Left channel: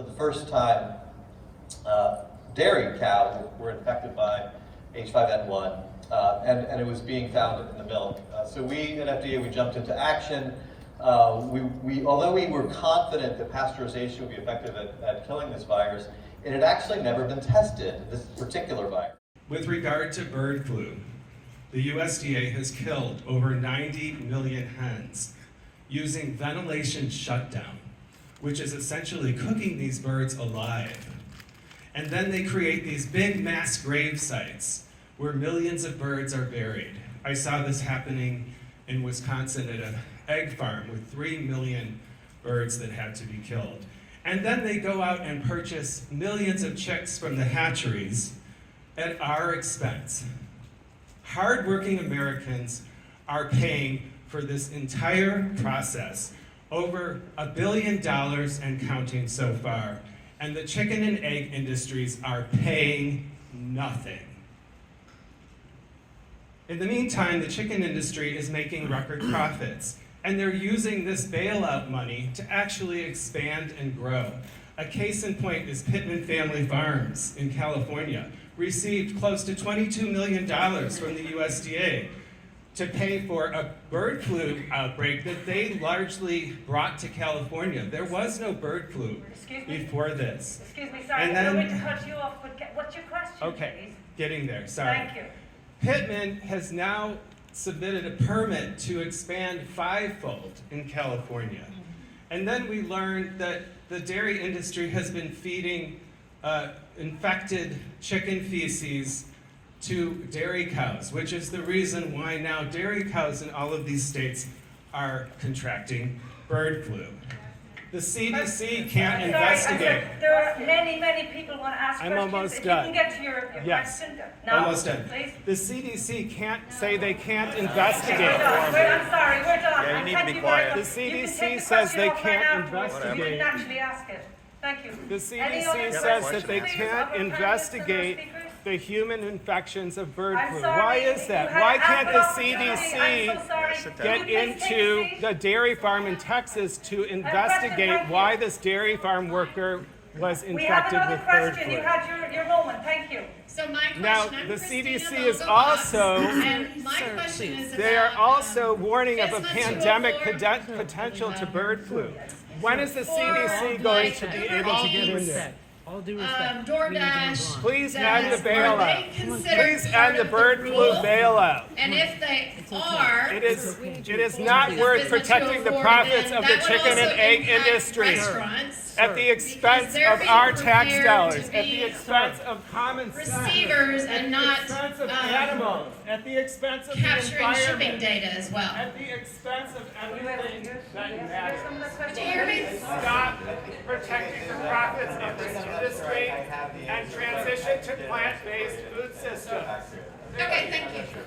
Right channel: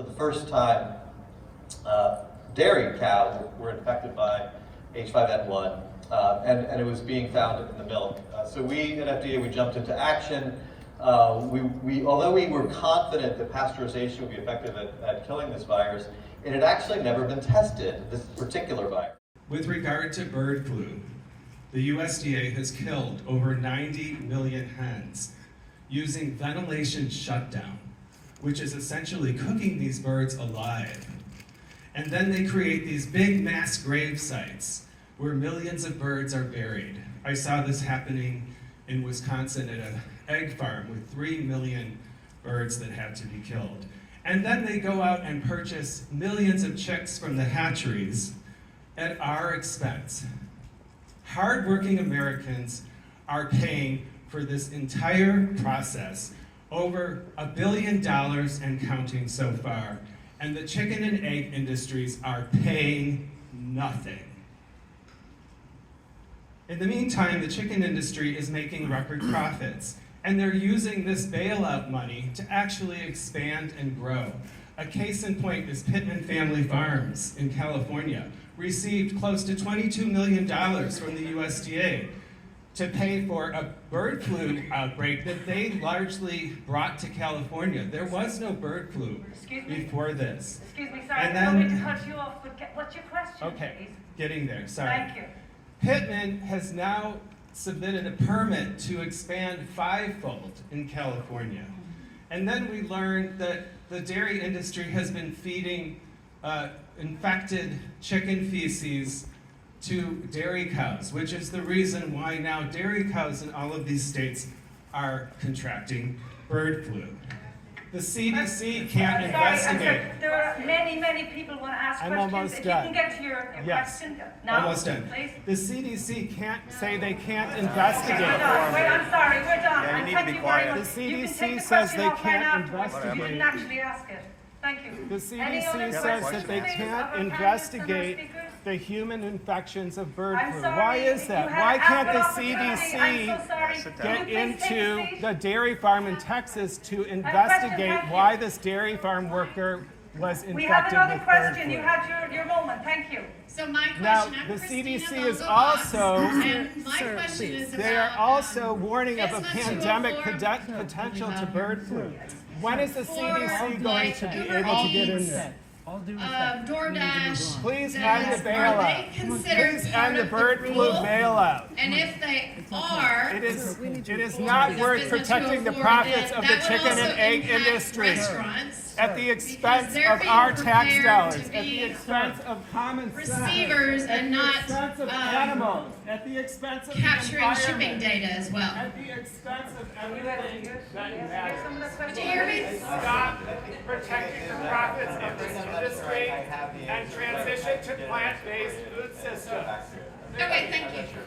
for the first time, dairy cows were infected by H5N1, and it was being found in the milk. So we at FDA, we jumped into action. Although we were confident that pasteurization would be effective at killing this virus, it had actually never been tested, this particular virus. With regard to bird flu, the USDA has killed over 90 million hens using ventilation shutdown, which is essentially cooking these birds alive. And then they create these big mass grave sites where millions of birds are buried. I saw this happening in Wisconsin at an egg farm with 3 million birds that had to be killed. And then they go out and purchase millions of chicks from the hatcheries at our expense. Hardworking Americans are paying for this entire process over $1 billion and counting so far. And the chicken and egg industries are paying nothing. In the meantime, the chicken industry is making record profits, and they're using this bailout money to actually expand and grow. A case in point is Pittman Family Farms in California, received close to $22 million from the USDA to pay for a bird flu outbreak that they largely brought to California. There was no bird flu before this. Excuse me, sorry, And I don't mean then, to cut you off, but what's your question, okay, please? getting there, sorry. Thank you. Pittman has now submitted a permit to expand fivefold in California. And then we learned that the dairy industry has been feeding infected chicken feces to dairy cows, which is the reason why now dairy cows in all of these states are contracting bird flu. The CDC can't investigate. There are many people want to ask I'm questions. almost if done. You can get to your Yes. question. No, Almost done. please. The CDC can't say they can't investigate. I'm sorry, we're done. Yeah, you need to be quiet. The CDC says they can't You investigate. can actually ask it. Thank you. The Any other CDC have a says question that they to ask? can't investigate the human infections of bird I'm flu. sorry, Why is that? you Why have can't the ample opportunity. I'm so CDC sorry. sit Will down. you get please take a into seat? the dairy farm in Texas to investigate why this dairy farm worker was We have infected another with bird question. You flu? had your moment. Thank you. So my question, Now, I'm the Christina CDC is Bogobox, also, and my question is they are about, also warning of a business pandemic reform. potential to bird flu. When is the CDC going to be able to get in there? All due respect. DoorDash. Please that end the are bailout. they considered Please part end the of bird flu rule? bailout. And if they are, It is not worth protecting the profits of the chicken and egg industry at the expense of our tax dollars, at the expense of common sense, receivers at and the not expense of animals, at the expense of the capturing shipping environment, data as well. at the expense of everything that you have. Dairy. Stop protecting the profits of this industry and transition to plant-based food systems. Okay, thank you.